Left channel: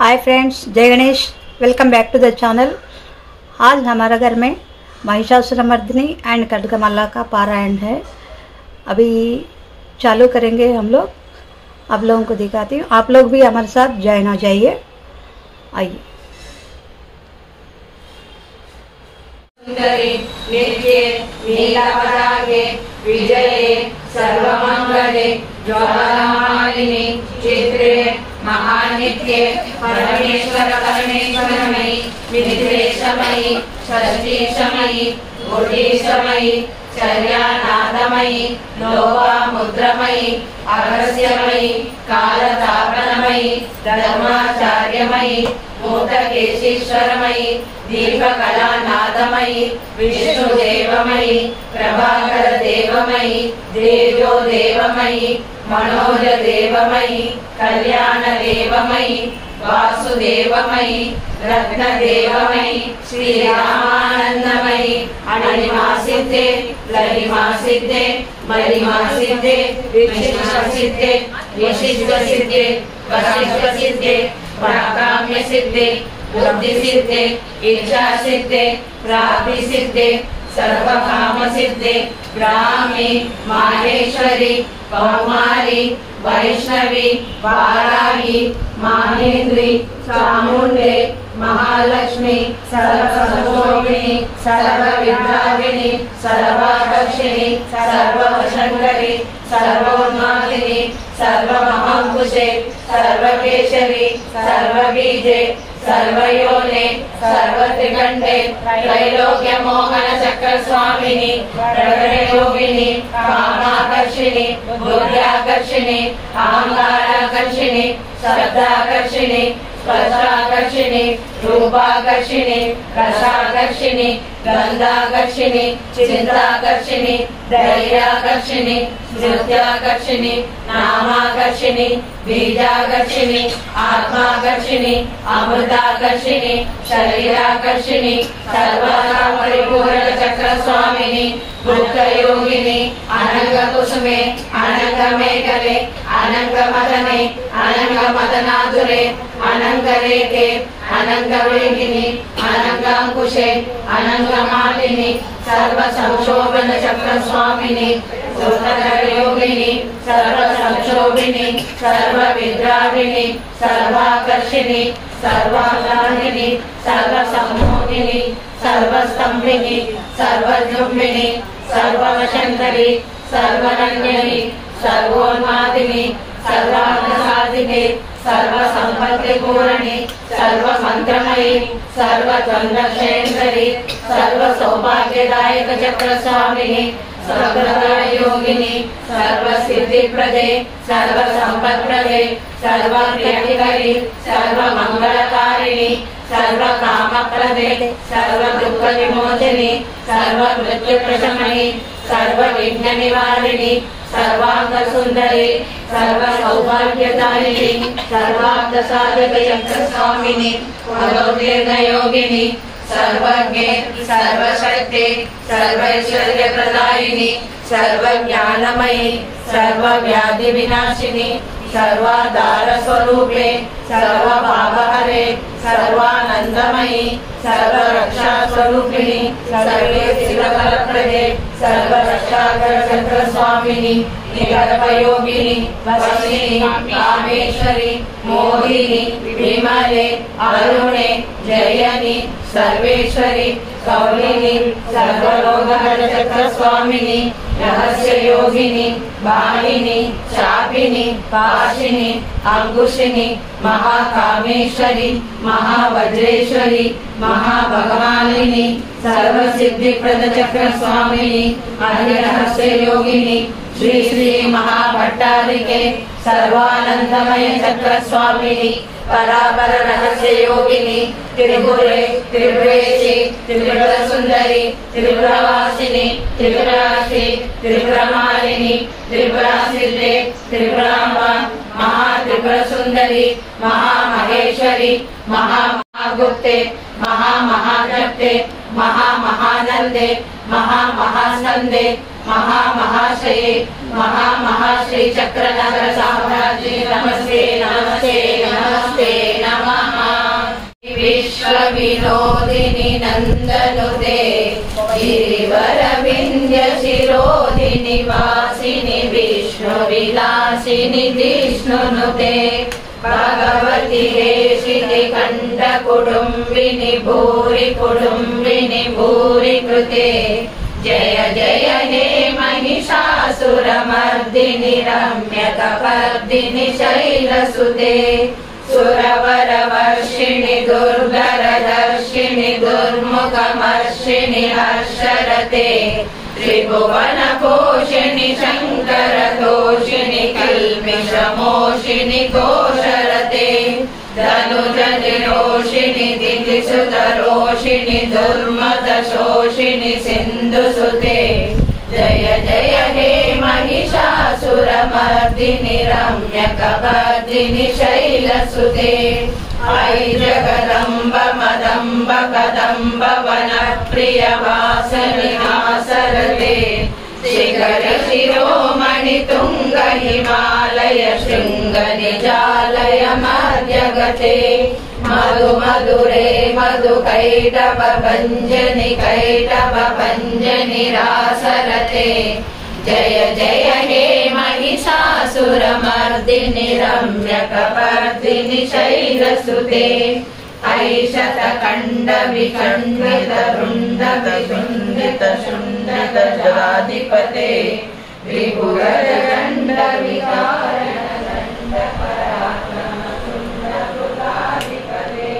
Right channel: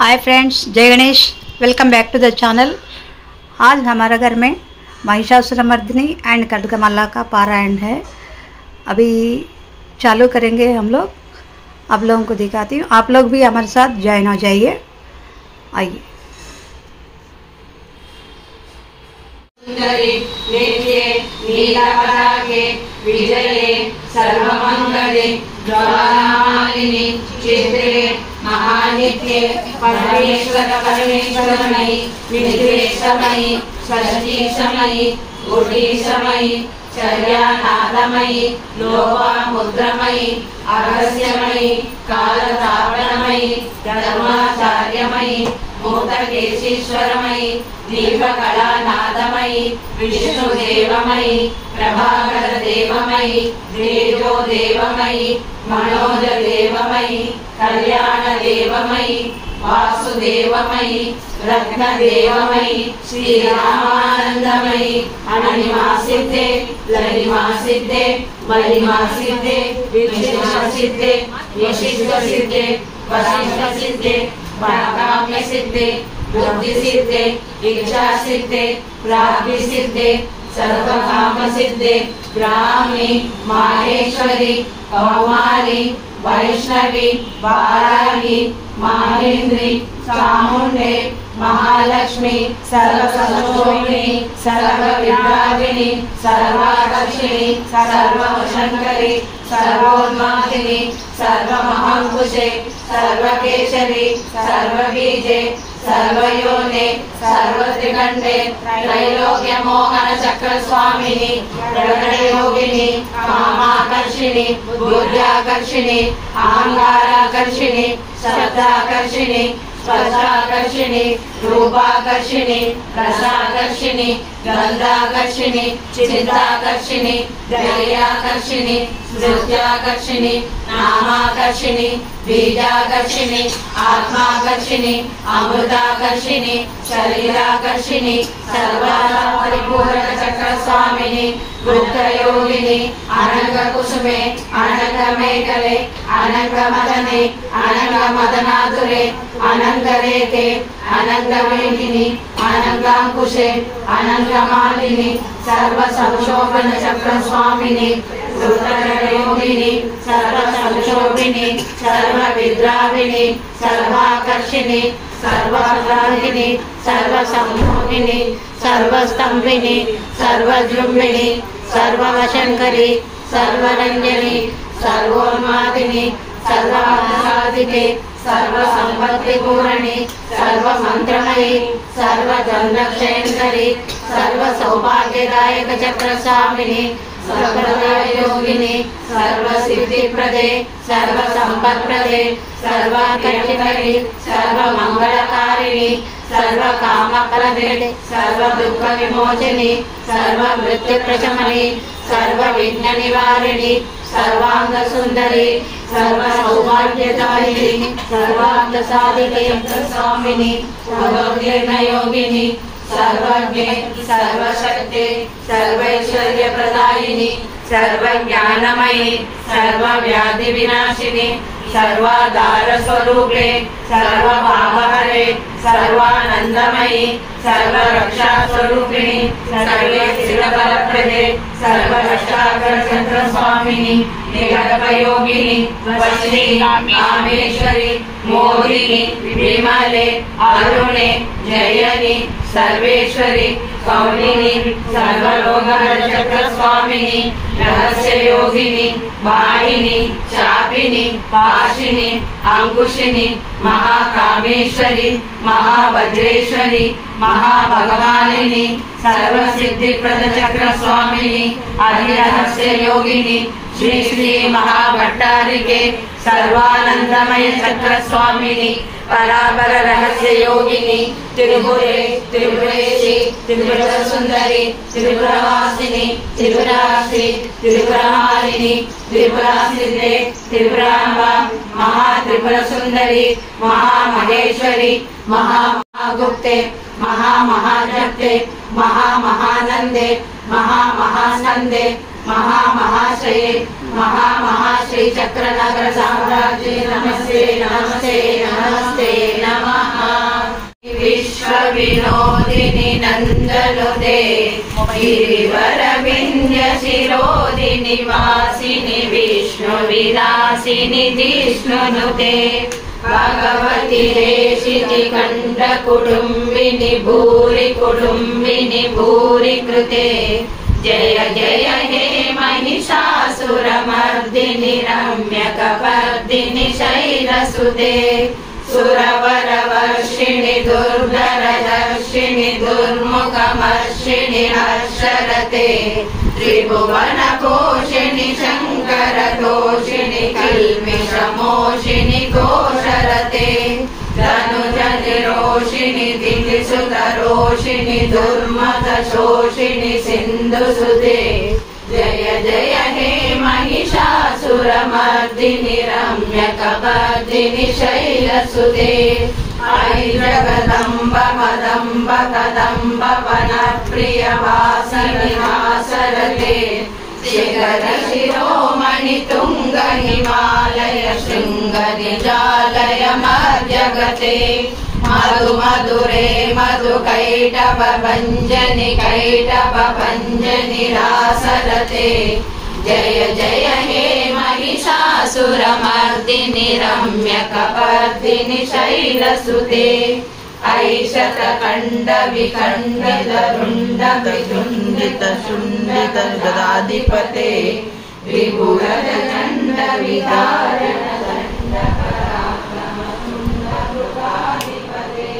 हाय friends, जय Ganesh. Welcome back to the channel. आज हमारे घर में महिषासुरमर्दिनी एंड खड्गमाला का पारायण है। अभी चालू करेंगे हम लोग। आप लोगों को दिखाती हूँ, आप लोग भी हमारे साथ ज्वाइन हो जाइए। आइए। नित्ये नीलपताके विजये सर्वमंगले ज्वालामालिनी चित्रे महानित्ये परमेश्वर परमेश्वरमयि निद्रेशमयि षष्ठीशमयि गुडीशमयि चर्यानादमयि लोपामुद्रमयि अगस्यमयि कालतापनमयि धर्माचार्यमयि भूतकेशीश्वरमयि दीपकलानादमयि विष्णुदेवमयि प्रभाकरदेवमयि तेजोदेवमयि मनोजदेवमयि कल्याणदेवमयि वासुदेवमयि रत्नदेवमयि श्रीरामानंदमयि अणिमासिद्धे ललिमासिद्धे मलिमासिद्धे विष्णुसिद्धे विशिष्टसिद्धे वशिष्ठसिद्धे प्राकाम्यसिद्धे बुद्धिसिद्धे इच्छासिद्धे प्राप्तिसिद्धे सर्वकामसिद्धे ब्राह्मी माहेश्वरी कौमारी वैष्णवी वाराही माहेन्द्री चामुंडे महालक्ष्मी सर्वसंशोभिनी सर्वविद्याविनी सर्वाकर्षिणी सर्ववशंकरी सर्वोन्मादिनी सर्वमहांकुशे सर्वकेशरी सर्वबीजे सर्वयोने सर्वत्रिकंडे त्रैलोक्यमोहन चक्र स्वामिनी प्रणयोगिनी कामाकर्षिणी बुद्ध्याकर्षिणी अहंकाराकर्षिणी शब्दाकर्षिणी स्पर्शाकर्षिणी रूपाकर्षिणी रसाकर्षिणी गंधाकर्षिणी चिंताकर्षिणी धैर्याकर्षिणी स्मृत्याकर्षिणी नामाकर्षिणी बीजाकर्षिणी आत्माकर्षिणी अमृताकर्षिणी शरीराकर्षिणी सर्वपरिपूर्ण चक्र स्वामिनी भुक्तयोगिनी अनंग कुसुमे अनंग मेखले अनंग मदने अनंग मदनाधुरे अनंग रेखे अनंग वेदिनी अनंगांकुशे अनंग मालिनी सर्व संशोभन चक्र स्वामिनी योगिनी सर्व संशोभिनी सर्व विद्राविणी सर्वाकर्षिणी सर्वाग्राहिणी सर्व संमोहिनी सर्वस्तंभिनी सर्वजुम्बिनी सर्ववशंकरी सर्वरंजनी सर्वोन्मादिनी सर्वार्थसाधिके सर्वसंपत्तिपूरणी सर्वमंत्रमयी सर्वजन्मक्षेत्ररी सर्वसौभाग्यदायक चक्रस्वामिनी सर्वयोगिनी सर्वसिद्धिप्रदे सर्वसंपत्प्रदे सर्वाकर्षिकरी सर्वमंगलकारिणी सर्वकामप्रदे सर्वदुःखविमोचनी सर्वमृत्युप्रशमनी सर्वविघ्ननिवारिणी सर्वांगसुंदरी सर्वसौभाग्यदायिनी सर्वार्थसाधिके स्वामिनी सर्वोद्ययोगिनी सर्वज्ञे सर्वशक्ति सर्वैश्वर्यप्रदायिनी सर्वज्ञानमयी सर्वव्याधिविनाशिनी सर्वाधारस्वरूपे सर्वभावहरे सर्वानंदमयी सर्वरक्षास्वरूपिणी सर्वेक्षितफलप्रदे सर्वरक्षाकरचक्र स्वामिनी निगर्भयोगिनी वशिनी कामेश्वरी मोहिनी विमले अरुणे जयनी सर्वेश्वरी कौलिनी सर्वलोकचक्र स्वामिनी रहस्य योगिनी वाहिनी चापिनी पाशिनी अंकुशिनी महाकामेश्वरी महावज्रेश्वरी महाभगवानिनी सर्वसिद्धिप्रद चक्र स्वामिनी अधिरहस्य योगिनी श्री श्री महाभट्टारिके सर्वानंदमय चक्र स्वामिनी पराबर रहस्य योगिनी त्रिपुरे त्रिपुरेशी त्रिपुर सुंदरी त्रिपुरवासिनी त्रिपुराक्षी त्रिपुरमालिनी त्रिपुरासिद्धे त्रिपुरांबा महात्रिपुर सुंदरी महामहेश्वरी महामहागुप्ते महामहाजप्ते महामहानंदे महामहानंदे महामहाश्री महामहाश्री चक्रनगर साम्राज्य नमस्ते नमस्ते नमस्ते नमः। विश्वविनोदिनि नन्दनुते गिरिवरविन्द्य शिरोदिनि वासिनि विष्णुविलासिनि जिष्णुनुते भगवति हेशिति खण्ड कुटुम्बिनि भूरि कुटुम्बिनि भूरि कृते जय जय हे महिषासुरमर्दिनि रम्यकपर्दिनि शैलसुते सुरवरवर्षिणि दुर्धरदर्शिनि दुर्मुखमर्षिणि हर्षरते त्रिभुवनपोषिणि शङ्करतोषिणि कल्पिषमोषिणि कोशरते धनुजनिरोषिणि दितिसुतरोषिणि दुर्मदशोषिणि सिन्धुसुते जय जय हे महिषासुरमर्दिनि रम्यकपर्दिनि शैलसुते ऐ जगदम्ब मदम्ब कदम्ब वनप्रियवासनि हासरते शिखरि शिरोमणि तुङ्ग हिमालय शृङ्ग निजालय मध्यगते मधु मधुरे मधु कैटभ भञ्जनि रासरते जय जय हे महिषासुरमर्दिनि रम्यकपर्दिनि शैलसुते ऐशतखण्ड विखण्डित रुण्ड विखण्डित शुण्डित गदाधिपते विभुगजदण्ड विदारण दण्ड पराक्रम तुण्ड भुजाधिपते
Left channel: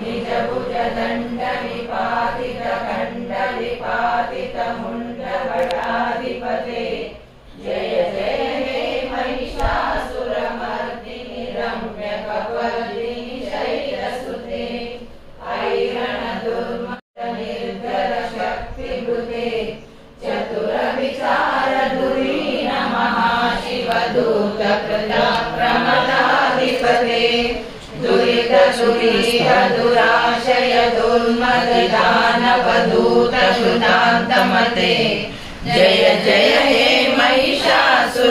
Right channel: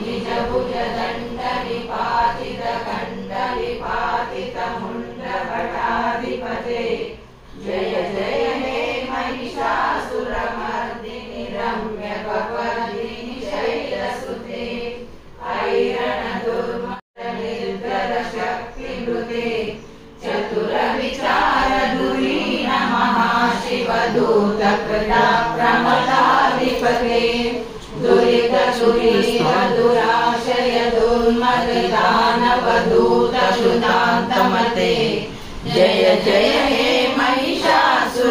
निज भुजदण्ड विपातित खण्ड विपातित मुण्ड भटाधिपते जय जय हे महिषासुरमर्दिनि रम्यकपर्दिनि शैलसुते ऐरण दुर्मद निर्जर शक्तिभृते चतुर विचार धुरीण महाशिवदूत कृताप्रमदाधिपते दुरित सुरीर दुराशय दुर्मद दानवदूत सुदान्तमते जय जय हे महिषासुरमर्दिनि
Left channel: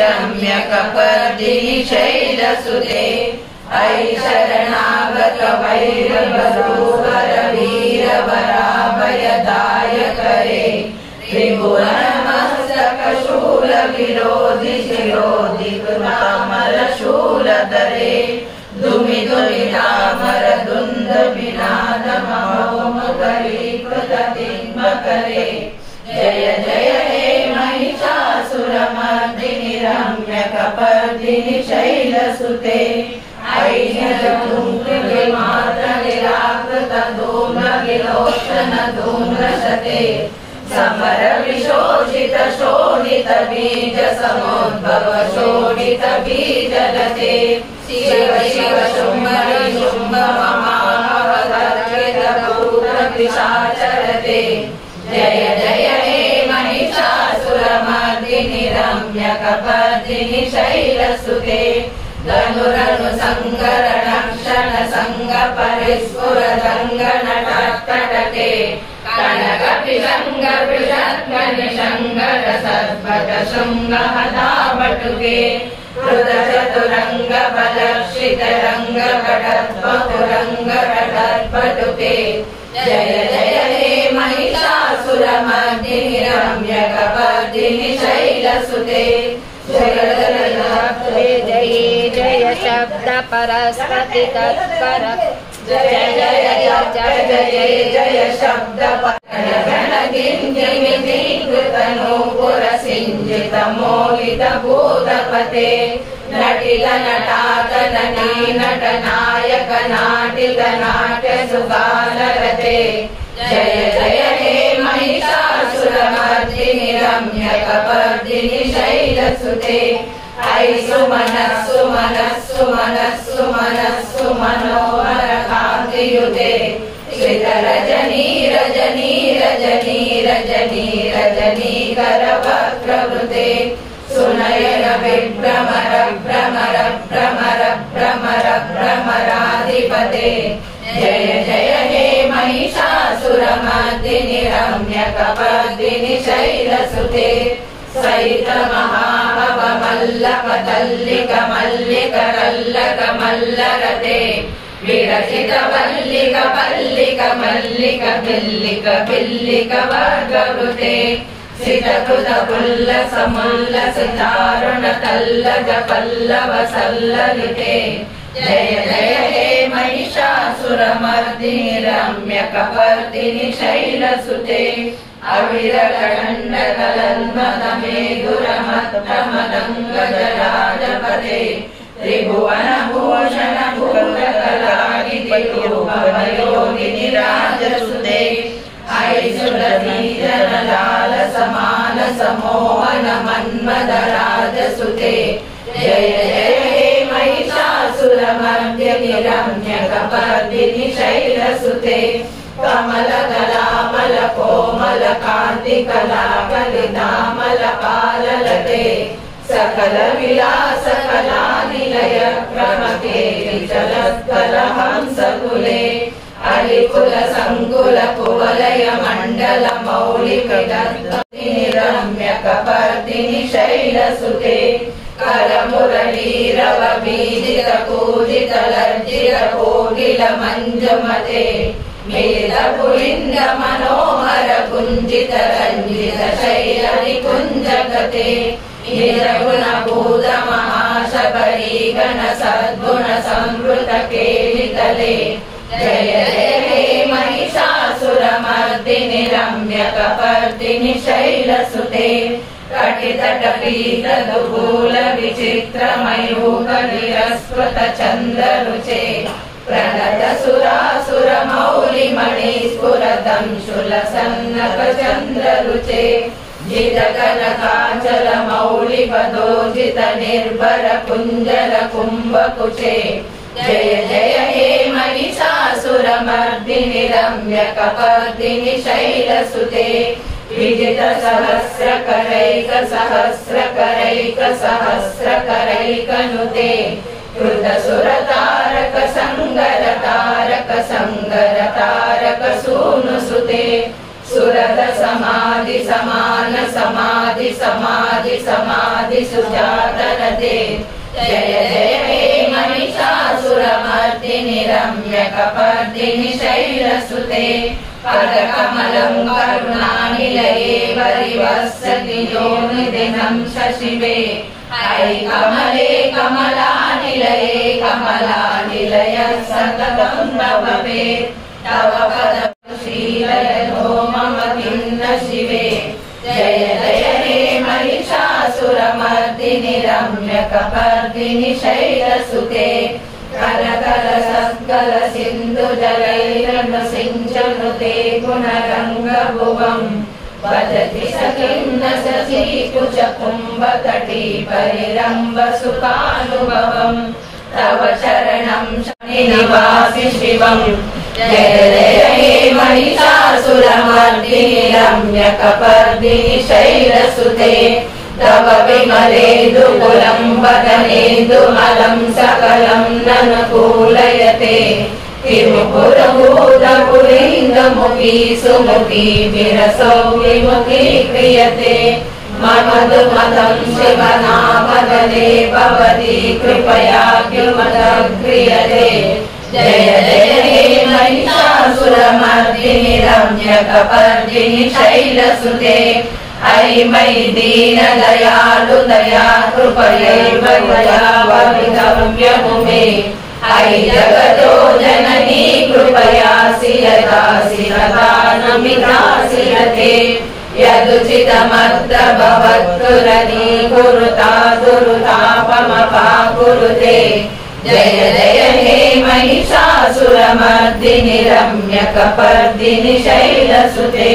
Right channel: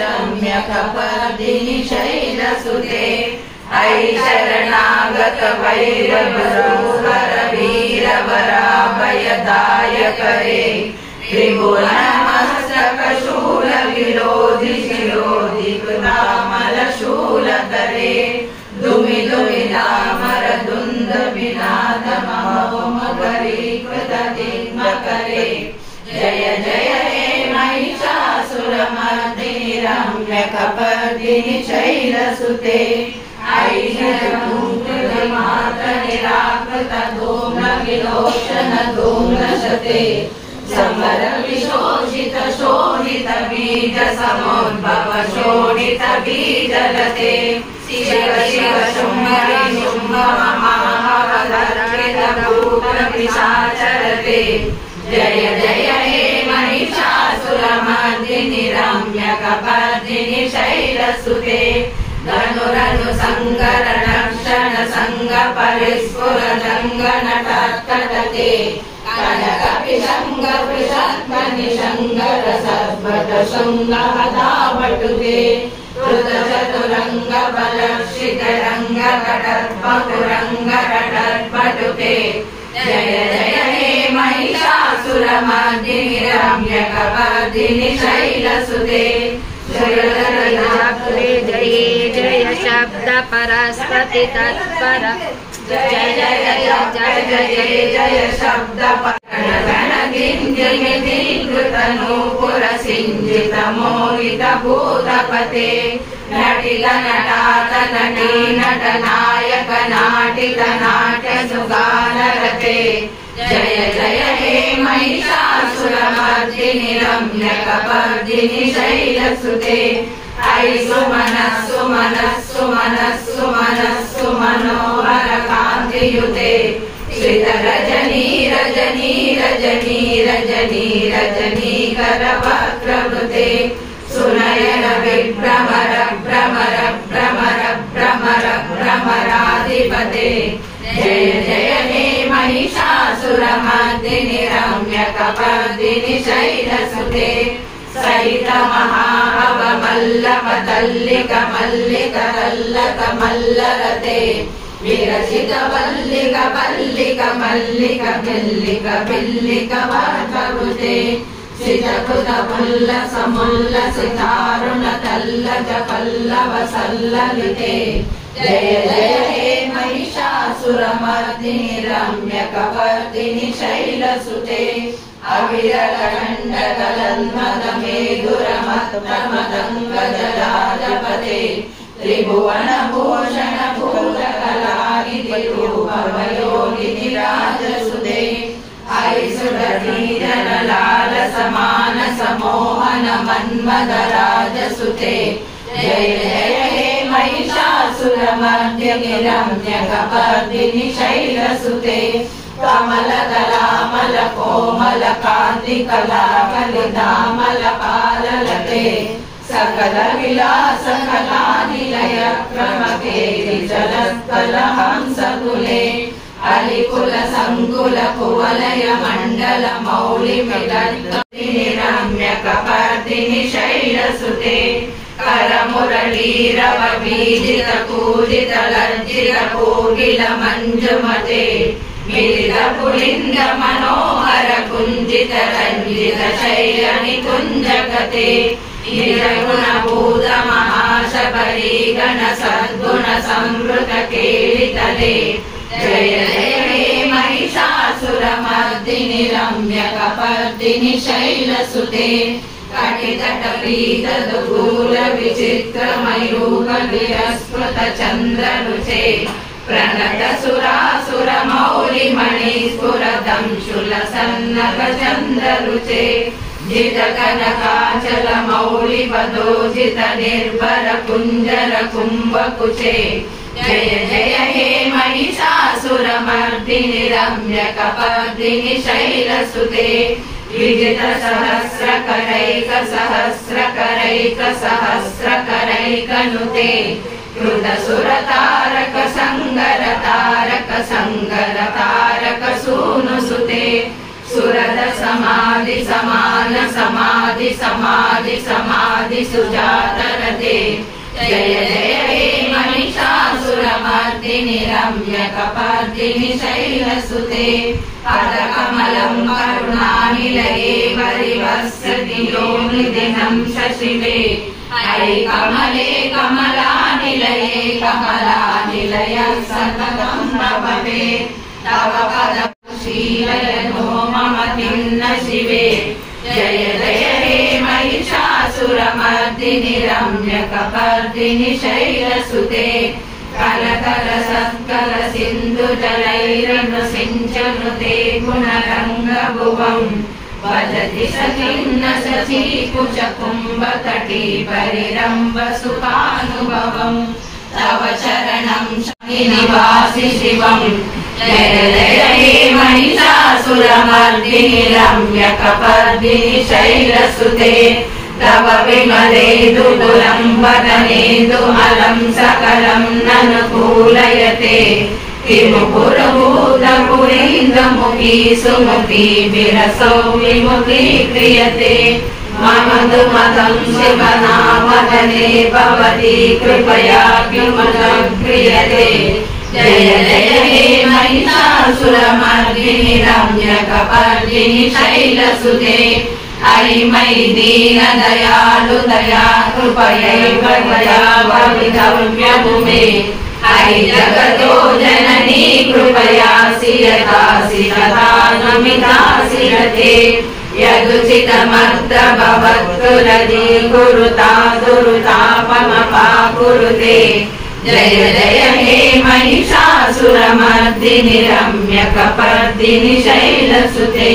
रम्यकपर्दिनि शैलसुते ऐ शरणागत वैरवरूहर वीरवराभयदायक रे त्रिभुवनमस्तक शूल विरोधि शिरोधि कृतामल शूलधरे दुमि दुमि दामर दुन्द विनाद महोम गरीकृत दिग्मकरे जय जय हे महिषासुरमर्दिनि रम्यकपर्दिनि शैलसुते निराकृत धूम्र विलोचन धूम्रशते समर विशोषित शोणित बीज समुद्भव शोणित बीजलते शिव शिव शुम्भ शुम्भ महाहरर्पित भूत पिशाचरते जय जय हे महिषासुरमर्दिनि रम्यकपर्दिनि शैलसुते धनुरनु संगर नक्षण संग परिस्फुर जंग नटकटके कनक पिशंग पिशत्मनि शंगर सर्वट शुंग हदावटुके रुद चतुरंग बलक्षित रंग कटत्पटुरंग कटत्पटुके जय जय हे महिषासुरमर्दिनि रम्यकपर्दिनि शैलसुते जय जय जय शब्द परस्पति तत्पर जय जय जय जय जय शब्द नूपुर सिंजित मोहित भूतपते नटित नटातन नट नायक नाटित नाट्य सुगानरते जय जय हे महिषासुरमर्दिनि रम्यकपर्दिनि शैलसुते ऐ सुमनस्सु मनस्सु मनस्सु मनस्सु मनोहर कान्तियुते श्रित रजनी रजनी रजनी रजनी रजनीकर वक्त्रवृते सुनयन विभ्रमर भ्रमर भ्रमर भ्रमर भ्रमराधिपते जय जय हे महिषासुरमर्दिनि रम्यकपर्दिनि शैलसुते सहित महाहव मल्लक दल्लिक मल्लिक रल्लक मल्लरते विरचित वल्लिक पल्लिक मल्लिक मल्लिक बिल्लिक वर्गवृते श्रितकृत पुल्लस मुल्लस चारुण तल्लज पल्लव सल्ललिते जय जय हे महिषासुरमर्दिनि रम्यकपर्दिनि शैलसुते अविरल गण्डगलन्मदमेदुरमत्तमदङ्गजराजपते त्रिभुवन भूषण भूतकलानिधि रूपवयोगिनि राजसुते ऐसुरधीरन लाल समान समोहन मन्मद राजसुते जय जय हे महिषासुरमर्दिनि रम्यकपर्दिनि शैलसुते कमल कलामल कोमल कांति कला कलितामल पाललते सकल विलास कला निलय क्रमके विचलत्कल हंसकुले हरिकुल संकुल कुवलय मंडल मौलि विदत्तनि रम्यकपर्दिनि शैलसुते करमुरलीरव बीजित कूजित लज्जित कोकिल मंजुमते मिलित पुलिंग मनोहर कुंजित रंजित शैल निकुंजगते निर्गुण भूत महाशबरी गण सद्गुण संवृत केलितले जय जय हे महिषासुरमर्दिनि रम्यकपर्दिनि शैलसुते कटितटपीत दुकूल विचित्र मयूख विरस्कृत चन्द्ररुचे प्रणत सुरासुर मौलि मणि स्फुरदंशुल सन्नक चन्द्ररुचे जित कनकाचल मौलि वदोजित निर्भर कुञ्जर कुम्भकुचे जय जय हे महिषासुरमर्दिनि रम्यकपर्दिनि शैलसुते विजित सहस्रकरैक सहस्रकरैक सहस्रकरैकनुते कृत सुरतारक संगर तारक संगर तारक सूनुसुते सुरद समाधि समान समाधि समाधि समाधि सुजातरते जय जय हे महिषासुरमर्दिनि रम्यकपर्दिनि शैलसुते पदकमलं करुणानिलये परिवसति योनिदिनं शशिवे ऐ कमले कमलानिलये कमलानिलयः सततं नभवे तव पदशीलयनो मम खिन्न शिवे जय जय हे महिषासुरमर्दिनि रम्यकपर्दिनि शैलसुते कलकल सत्कल सिन्धु जलैरनुसिञ्चनुते गुणरङ्गभुवम् भजति सखिन्न शची कुच कुम्भतटी परिरम्भ सुखानुभवम् तव चरणं शनिनिवासि शिवम् जय जय हे महिषासुरमर्दिनि रम्यकपर्दिनि शैलसुते तव विमलेन्दुगुलं वदनेन्दुमलं सकलं ननुकूलयते विमुकुरभूतपुरीन्दमुखी सुमुखी विरसौ विमुखी क्रियते मम दुमतं शिवनामदने भवती कृपयाभ्युमलक्रियते जय जय हे महिषासुरमर्दिनि रम्यकपर्दिनि शैलसुते ऐ मयि दीन दयालु दया कृपयैव ववितव्यमुमे ऐ जगतो जननी कृपयासि यदासि तथा नमितासि यते यदुचितमत्र भवत्कुलनी कुरुता दुरुतापमपाकुरुते जय जय हे महिषासुरमर्दिनि रम्यकपर्दिनि शैलसुते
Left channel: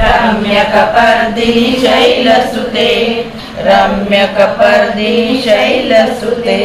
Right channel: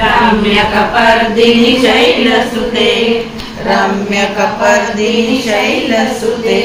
रम्यकपर्दिनि शैलसुते रम्यकपर्दिनि शैलसुते।